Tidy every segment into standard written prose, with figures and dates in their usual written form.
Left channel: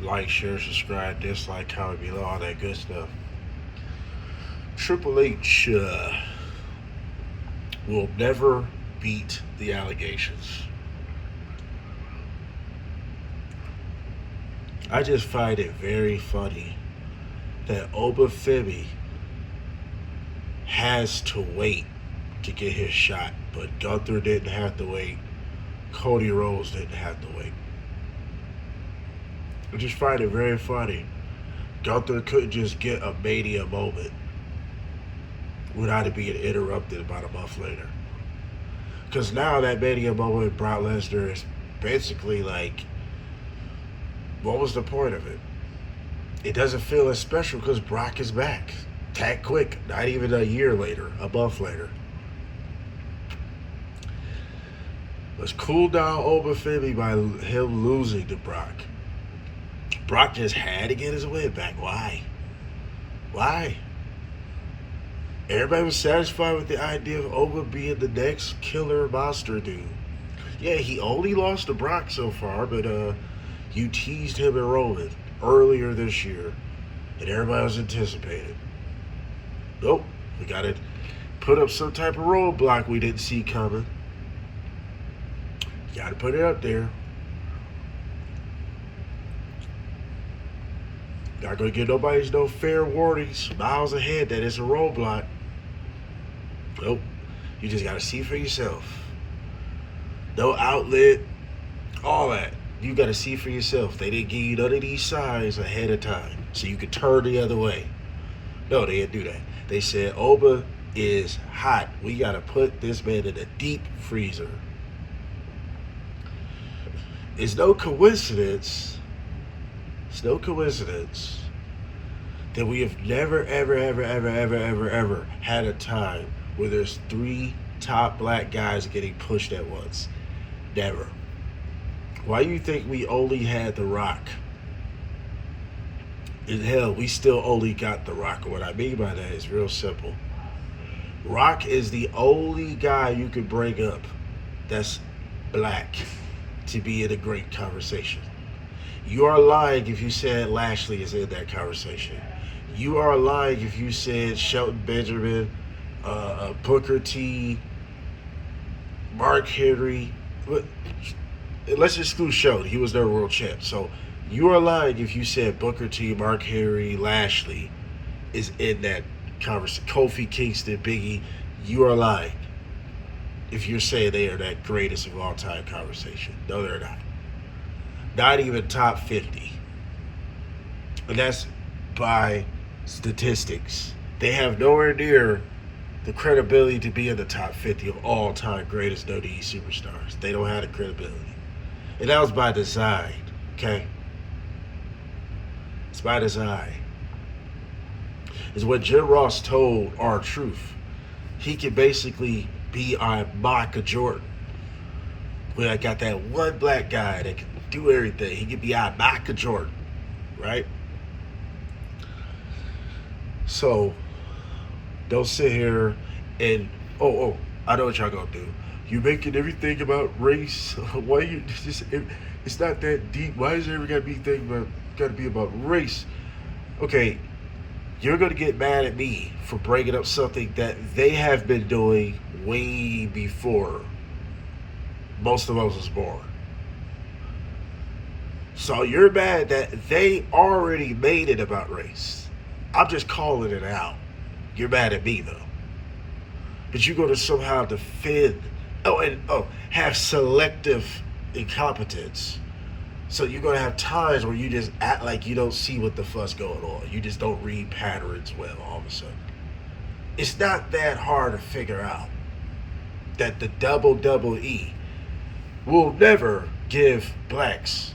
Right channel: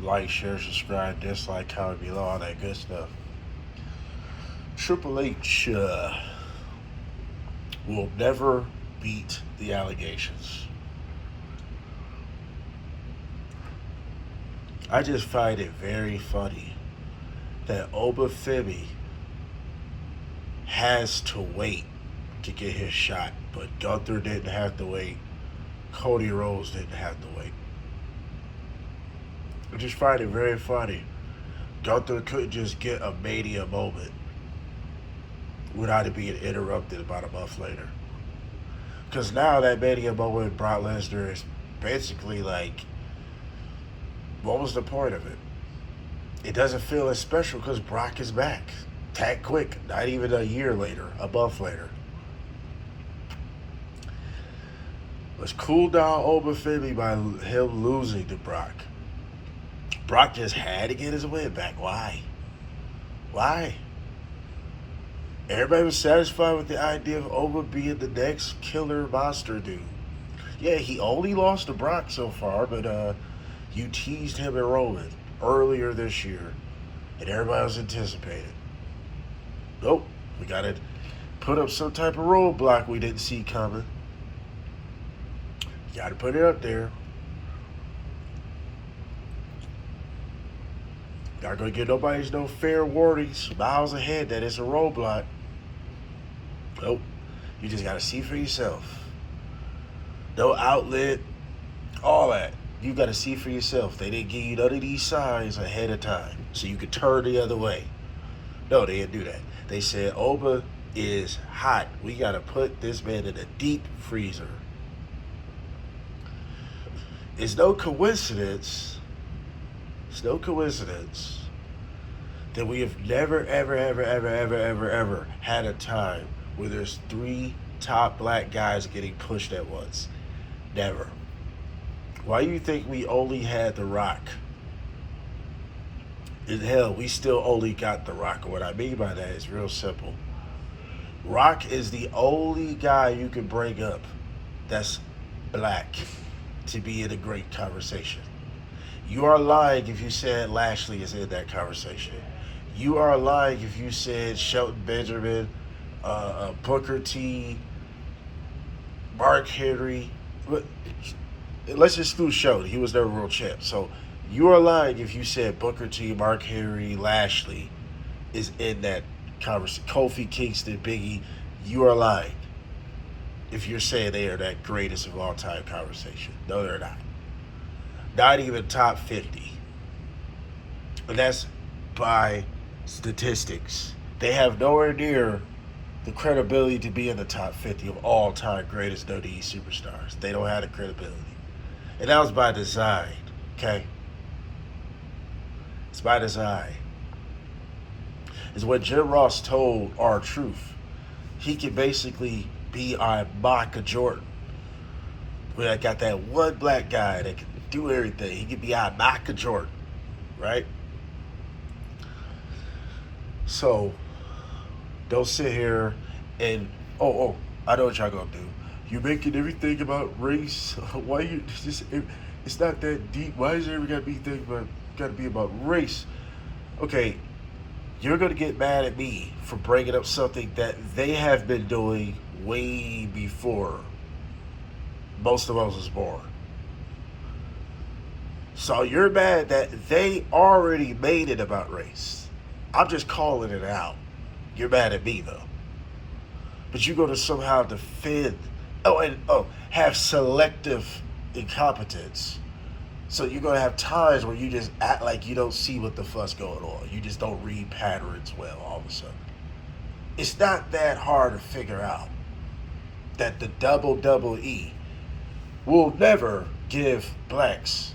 Like, share, subscribe, dislike, comment below, all that good stuff. Triple H will never beat the allegations. I just find it very funny that Obafemi has to wait to get his shot, but Gunther didn't have to wait. Cody Rhodes didn't have to wait. I just find it very funny. Gunther couldn't just get a mania moment without it being interrupted about a month later. Because now that mania moment with Brock Lesnar is basically like, what was the point of it? It doesn't feel as special because Brock is back. That quick, not even a year later, a month later. Let's cool down Obafemi by him losing to Brock. Brock just had to get his win back. Why? Why? Everybody was satisfied with the idea of Oba being the next killer monster dude. Yeah, he only lost to Brock so far, but you teased him and Roman earlier this year, and everybody was anticipating. Nope, we got to put up some type of roadblock we didn't see coming. Got to put it up there. Not gonna give nobody's no fair warnings miles ahead that it's a roadblock. Nope. You just gotta see for yourself. No outlet, all that. You gotta see for yourself. They didn't give you none of these signs ahead of time so you could turn the other way. No, they didn't do that. They said Oba is hot. We gotta put this man in a deep freezer. It's no coincidence. It's no coincidence that we have never, ever had a time where there's 3 top black guys getting pushed at once. Never. Why do you think we only had The Rock? In hell, we still only got The Rock. What I mean by that is real simple. Rock is the only guy you can bring up that's black to be in a great conversation. You are lying if you said Lashley is in that conversation. You are lying if you said Shelton Benjamin, Booker T, Mark Henry. Let's exclude Shelton. He was never world champ. So you are lying if you said Booker T, Mark Henry, Lashley is in that conversation. Kofi Kingston, Biggie. You are lying if you're saying they are that greatest of all time conversation. No, they're not. Not even top 50. And that's by statistics. They have nowhere near the credibility to be in the top 50 of all time greatest WWE superstars. They don't have the credibility. And that was by design, okay? It's by design. It's what Jim Ross told R-Truth. He could basically be our Michael Jordan. Where I got that one black guy that can do everything. He could be our Michael Jordan, right? So, don't sit here and, I know what y'all gonna do. You're making everything about race. Why you just, it's not that deep. Why is it ever gotta be about race? Okay, you're gonna get mad at me for bringing up something that they have been doing way before most of us was born. So you're mad that they already made it about race. I'm just calling it out. You're mad at me though. But you're gonna somehow defend have selective incompetence. So you're gonna have times where you just act like you don't see what the fuss going on. You just don't read patterns well all of a sudden. It's not that hard to figure out that the WWE will never give blacks,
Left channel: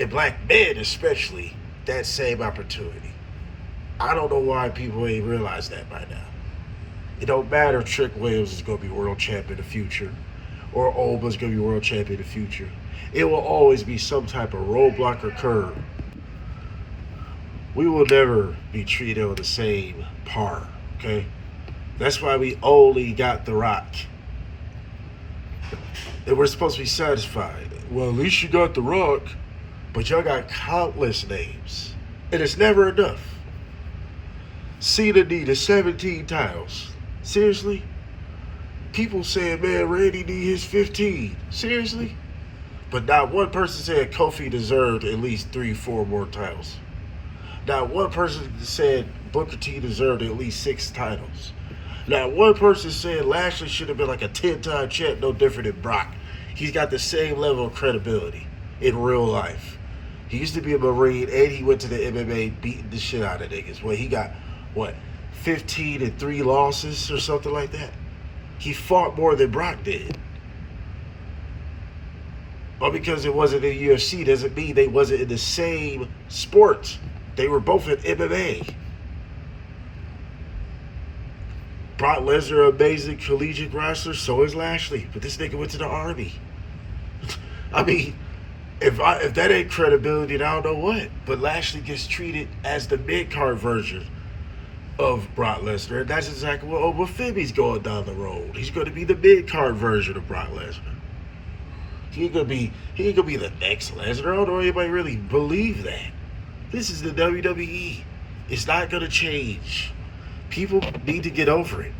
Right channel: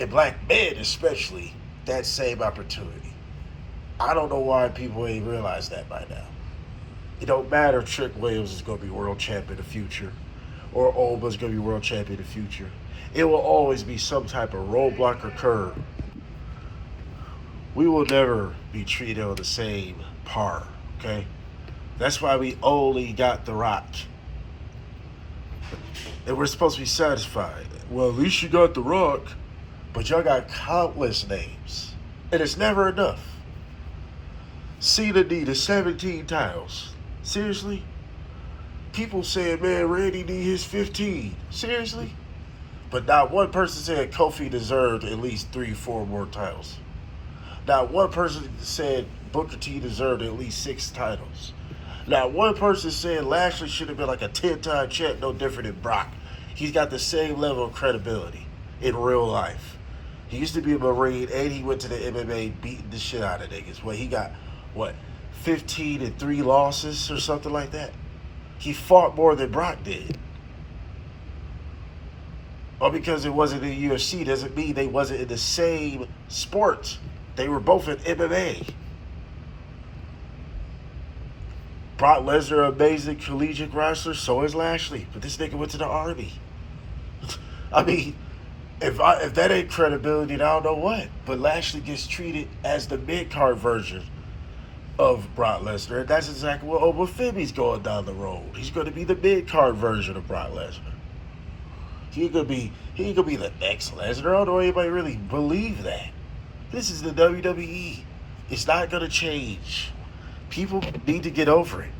and black men especially, that same opportunity. I don't know why people ain't realized that by now. It don't matter if Trick Williams is going to be world champion in the future or Oba's going to be world champion in the future. It will always be some type of roadblock or curve. We will never be treated on the same par, okay? That's why we only got The Rock. And we're supposed to be satisfied. Well, at least you got The Rock. But y'all got countless names. And it's never enough. Cena needed 17 titles. Seriously? People saying, man, Randy need his 15. Seriously? But not one person said Kofi deserved at least 3-4 more titles. Not one person said Booker T deserved at least 6 titles. Not one person said Lashley should have been like a 10-time champ, no different than Brock. He's got the same level of credibility in real life. He used to be a Marine and he went to the MMA beating the shit out of niggas. Well, he got, 15 and 3 losses or something like that? He fought more than Brock did. Or because it wasn't in UFC doesn't mean they wasn't in the same sport. They were both in MMA. Brock Lesnar, amazing collegiate wrestler, so is Lashley. But this nigga went to the Army. I mean, if that ain't credibility, then I don't know what. But Lashley gets treated as the mid-card version of Brock Lesnar. And that's exactly what Obafemi's going down the road. He's going to be the mid-card version of Brock Lesnar. He ain't gonna be the next Lesnar. I don't know anybody really believe that. This is the WWE. It's not gonna change. People need to get over it.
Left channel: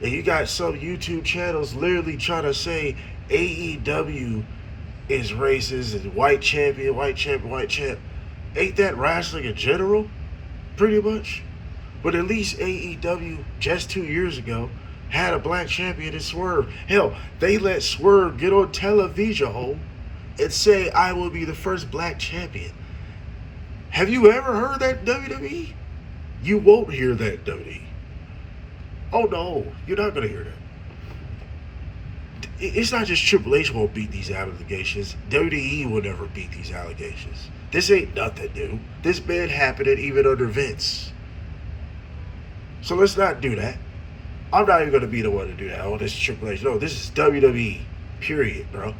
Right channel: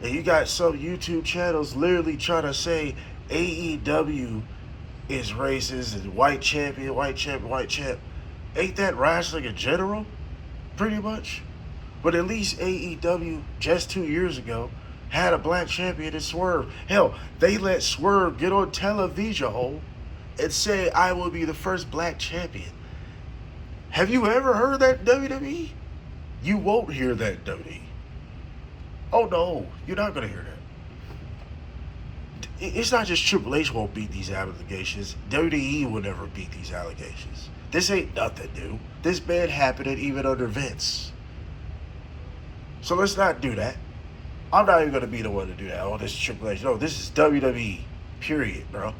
And you got some YouTube channels literally trying to say AEW is racist and white champion. Ain't that wrestling in general? Pretty much. But at least AEW just 2 years ago had a black champion in Swerve. Hell, they let Swerve get on television and say, I will be the first black champion. Have you ever heard that, WWE? You won't hear that, WWE. Oh no, you're not going to hear that. It's not just Triple H won't beat these allegations. WWE will never beat these allegations. This ain't nothing new. This man happened even under Vince. So let's not do that. I'm not even going to be the one to do that. Oh, this is Triple H. No, this is WWE. Period, bro.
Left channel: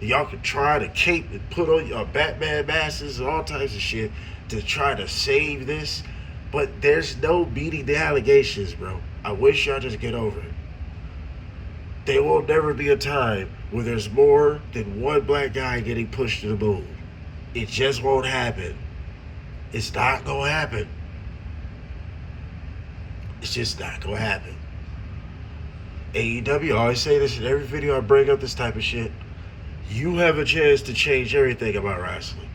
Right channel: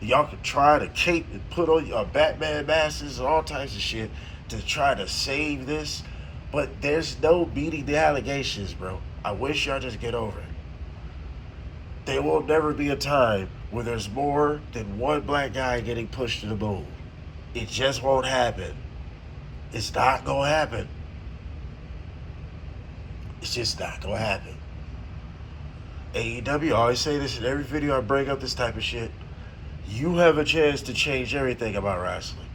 Y'all can try to cape and put on your Batman masks and all types of shit to try to save this. But there's no beating the allegations, bro. I wish y'all just get over it. There will never be a time where there's more than one black guy getting pushed to the moon. It just won't happen. It's not going to happen. It's just not going to happen. AEW, I always say this in every video I bring up this type of shit. You have a chance to change everything about wrestling.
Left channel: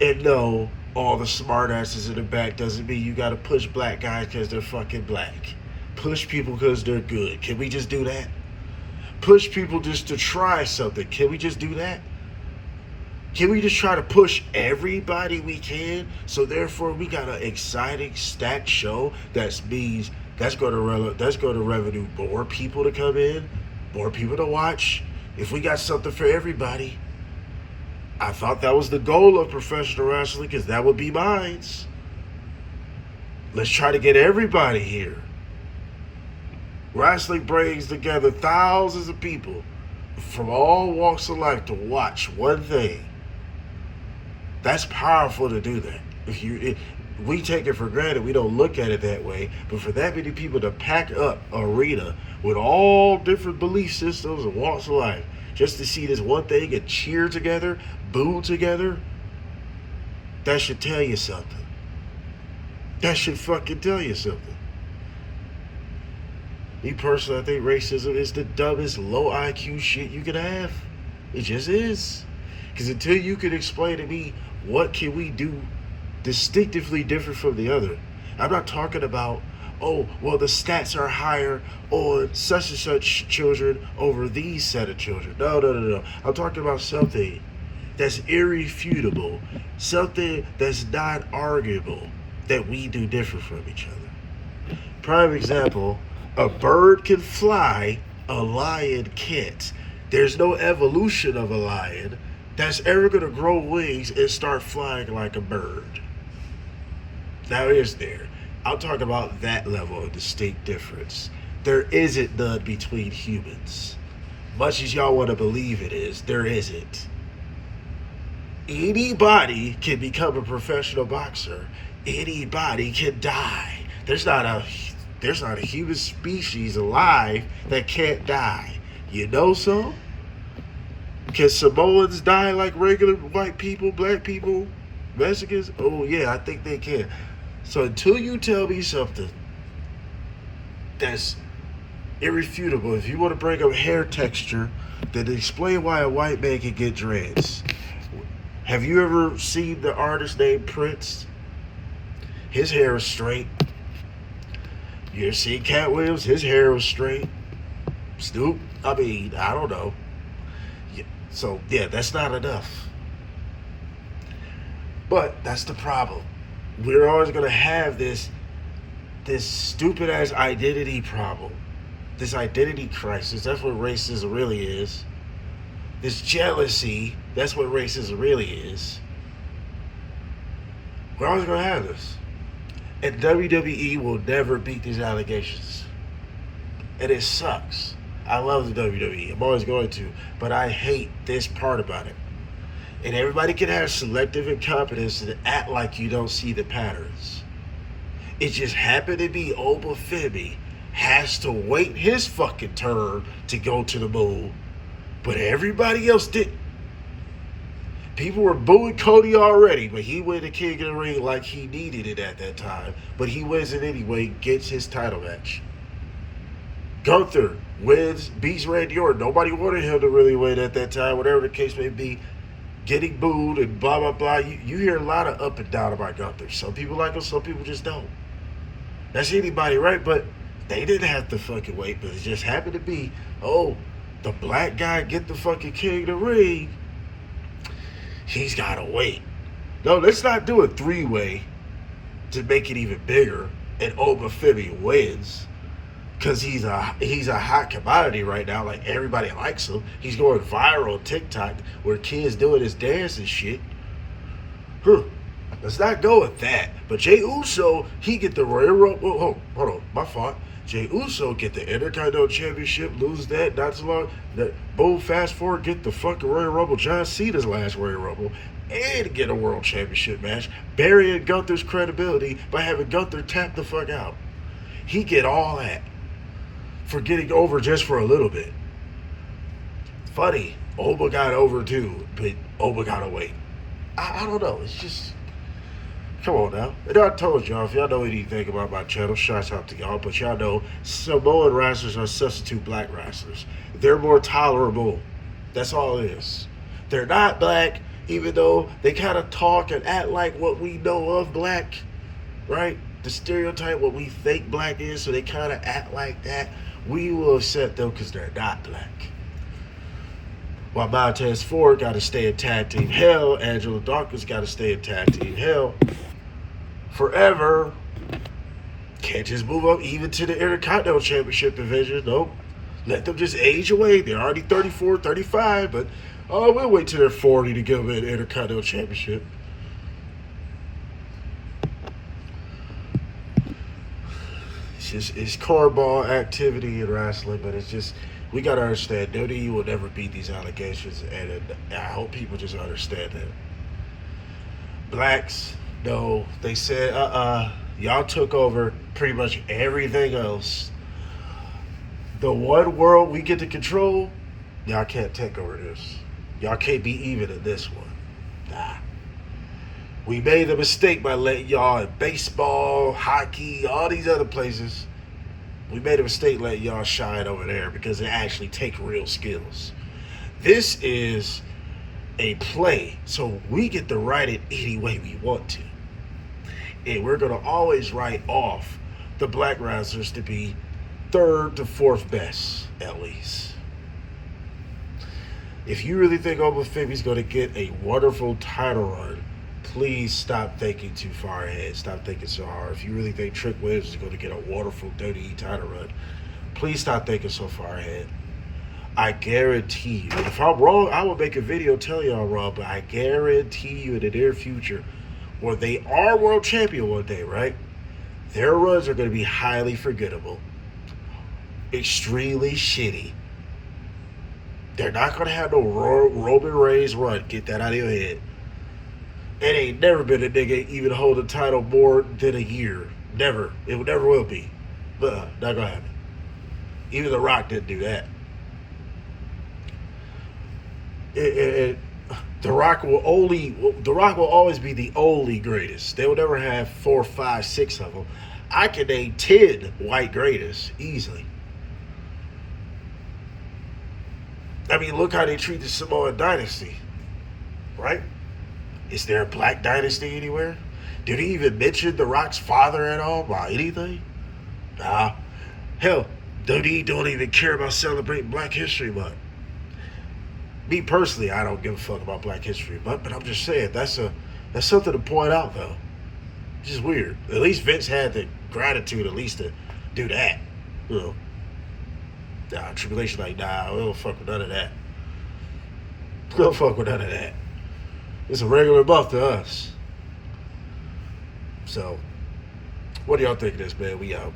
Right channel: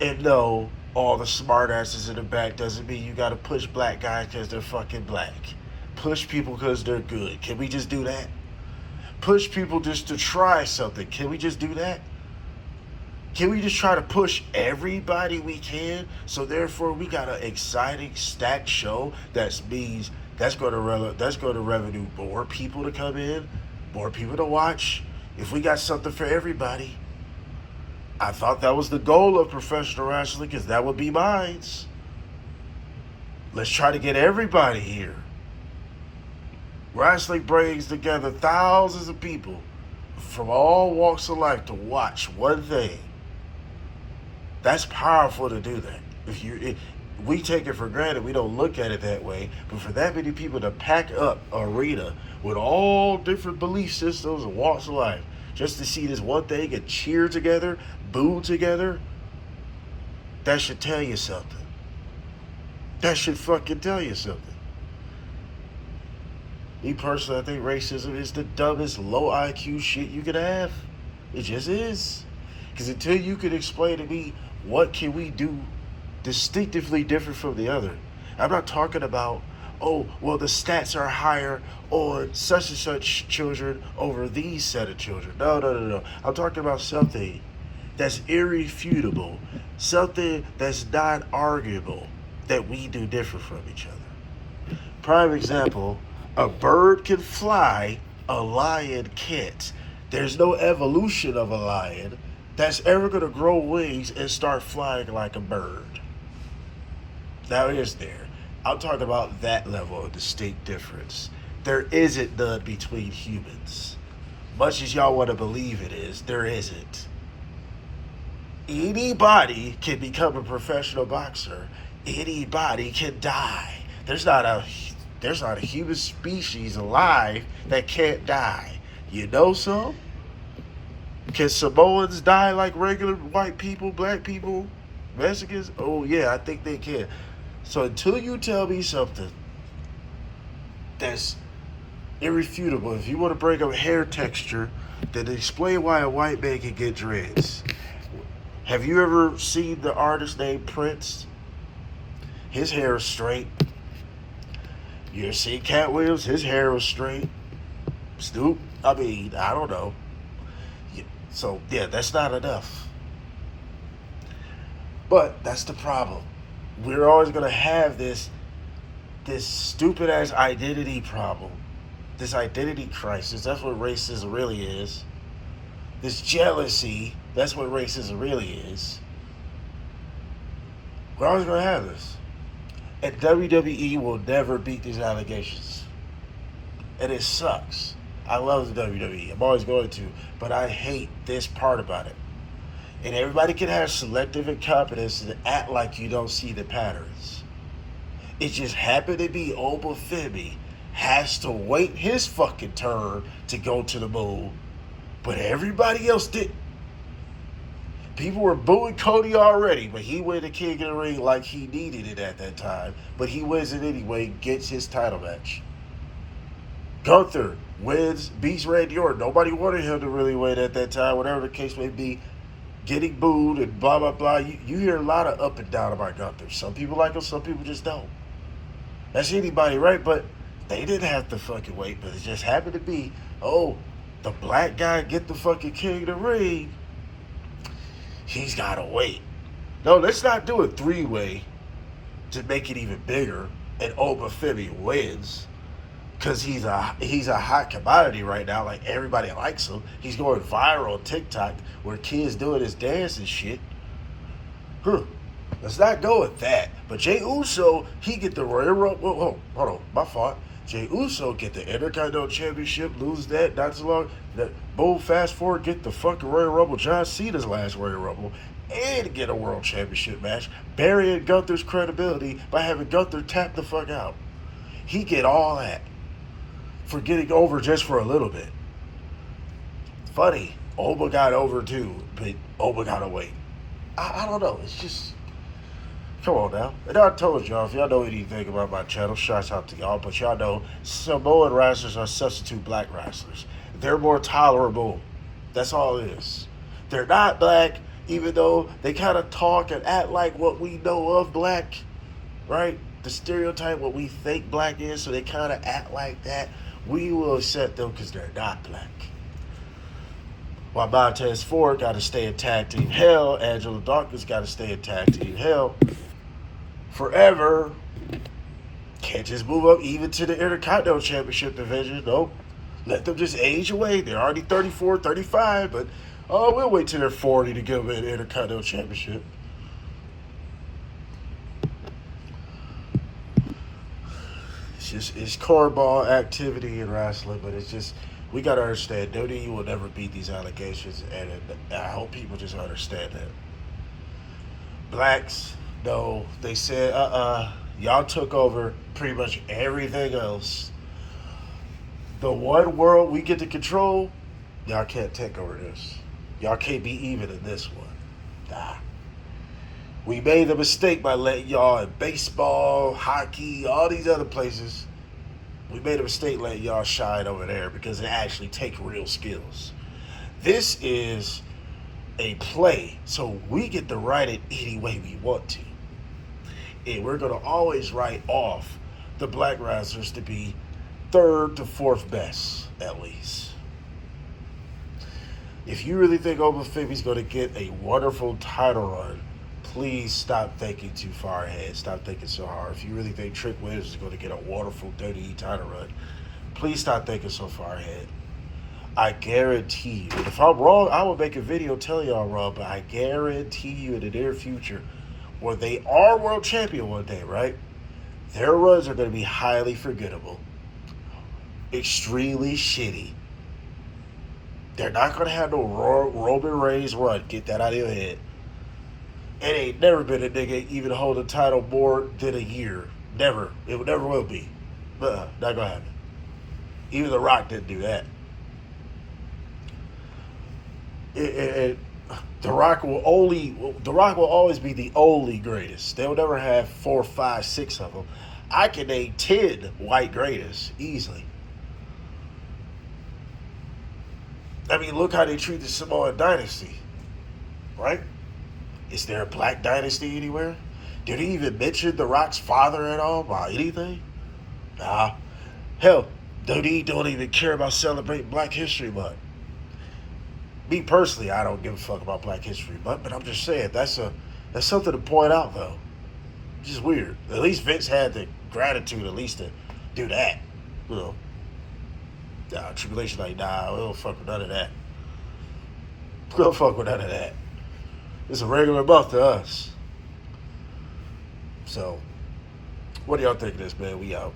And no, all the smartasses in the back doesn't mean you got to push black guys because they're fucking black. Push people because they're good. Can we just do that? Push people just to try something. Can we just do that? Can we just try to push everybody we can? So therefore, we got an exciting, stacked show that means that's going to revenue more people to come in, more people to watch. If we got something for everybody, I thought that was the goal of professional wrestling because that would be mine. Let's try to get everybody here. Wrestling brings together thousands of people from all walks of life to watch one thing. That's powerful to do that. We take it for granted. We don't look at it that way. But for that many people to pack up an arena with all different belief systems and walks of life just to see this one thing and cheer together, boo together, that should tell you something. That should fucking tell you something. Me personally, I think racism is the dumbest low IQ shit you can have. It just is. Because until you can explain to me what can we do distinctively different from the other. I'm not talking about, oh, well, the stats are higher on such and such children over these set of children. No. I'm talking about something that's irrefutable, something that's not arguable that we do different from each other. Prime example, a bird can fly, a lion can't. There's no evolution of a lion that's ever going to grow wings and start flying like a bird. Now, is there? I'm talking about that level of distinct difference. There isn't none between humans. Much as y'all want to believe it is, there isn't. Anybody can become a professional boxer. Anybody can die. There's not a human species alive that can't die. You know so? Can Samoans die like regular white people, black people, Mexicans? Oh yeah, I think they can. So until you tell me something that's irrefutable, if you want to bring up hair texture, then explain why a white man can get dreads. Have you ever seen the artist named Prince? His hair is straight. You ever seen Cat Williams? His hair was straight. Snoop? I mean, I don't know. So yeah, that's not enough. But that's the problem. We're always gonna have this stupid ass identity problem. This identity crisis. That's what racism really is. This jealousy. That's what racism really is. We're always gonna have this. And WWE will never beat these allegations. And it sucks. I love the WWE. I'm always going to. But I hate this part about it. And everybody can have selective incompetence and act like you don't see the patterns. It just happened to be Obafemi has to wait his fucking turn to go to the moon. But everybody else didn't. People were booing Cody already, but he went to King of the Ring like he needed it at that time. But he wins it anyway, gets his title match. Gunther wins, beats Randy Orton. Nobody wanted him to really win at that time, whatever the case may be. Getting booed and blah, blah, blah. You hear a lot of up and down about Gunther. Some people like him, some people just don't. That's anybody, right? But they didn't have to fucking wait, but it just happened to be, oh, the black guy get the fucking King of the Ring. He's got to wait. No, let's not do a three-way to make it even bigger and Obafemi wins because he's a hot commodity right now. Like, everybody likes him. He's going viral on TikTok where kids doing his dance and shit. Let's not go with that. But Jey Uso, he get the Royal Rumble. Oh, hold on, my fault. Jey Uso get the Intercontinental Championship, lose that not too long. Boom, fast forward, get the fucking Royal Rumble. John Cena's last Royal Rumble, and get a World Championship match, burying Gunther's credibility by having Gunther tap the fuck out. He get all that for getting over just for a little bit. Funny, Oba got over too, but Oba got away. I don't know. It's just, come on now. And I told y'all, if y'all know anything about my channel, shouts out to y'all, but y'all know Samoan wrestlers are substitute black wrestlers. They're more tolerable. That's all it is. They're not black, even though they kind of talk and act like what we know of black, right? The stereotype, what we think black is, so they kind of act like that. We will accept them because they're not black. While Montez Ford got to stay in tag team hell, Angela Dawkins got to stay in tag team hell forever. Can't just move up even to the Intercontinental Championship division. Nope. Let them just age away. They're already 34, 35, but we'll wait till they're 40 to give them an Intercontinental Championship. It's cornball activity in wrestling, but it's just, we got to understand, WWE will never beat these allegations, and I hope people just understand that. Blacks, no, they said, y'all took over pretty much everything else. The one world we get to control, y'all can't take over this. Y'all can't be even in this one. Nah. We made a mistake by letting y'all in baseball, hockey, all these other places. We made a mistake letting y'all shine over there because it actually takes real skills. This is a play, so we get to write it any way we want to. And we're going to always write off the black wrestlers to be third to fourth best, at least. If you really think Obafemi's going to get a wonderful title run, please stop thinking too far ahead. Stop thinking so hard. If you really think Trick Williams is going to get a wonderful WWE title run, please stop thinking so far ahead. I guarantee you, and if I'm wrong, I will make a video telling y'all I'm wrong, but I guarantee you in the near future, when they are world champion one day, right, their runs are going to be highly forgettable, extremely shitty. They're not going to have no Roman Reigns run. Get that out of your head. It ain't never been a nigga even hold a title more than a year. Never. It never will be. But not gonna happen. Even The Rock didn't do that. it, The Rock will always be the only greatest. They'll never have 4, 5, 6 of them. I can name 10 white greatest easily. I mean, look how they treat the Samoan dynasty, right? Is there a black dynasty anywhere? Did he even mention The Rock's father at all by anything? Nah. Hell, WWE don't even care about celebrating Black History Month. Me personally, I don't give a fuck about Black History Month, but I'm just saying that's something to point out though. Just weird. At least Vince had the gratitude at least to do that. You know. Triple H like, nah, we don't fuck with none of that. We don't fuck with none of that. It's a regular month to us. So, what do y'all think of this, man? We out.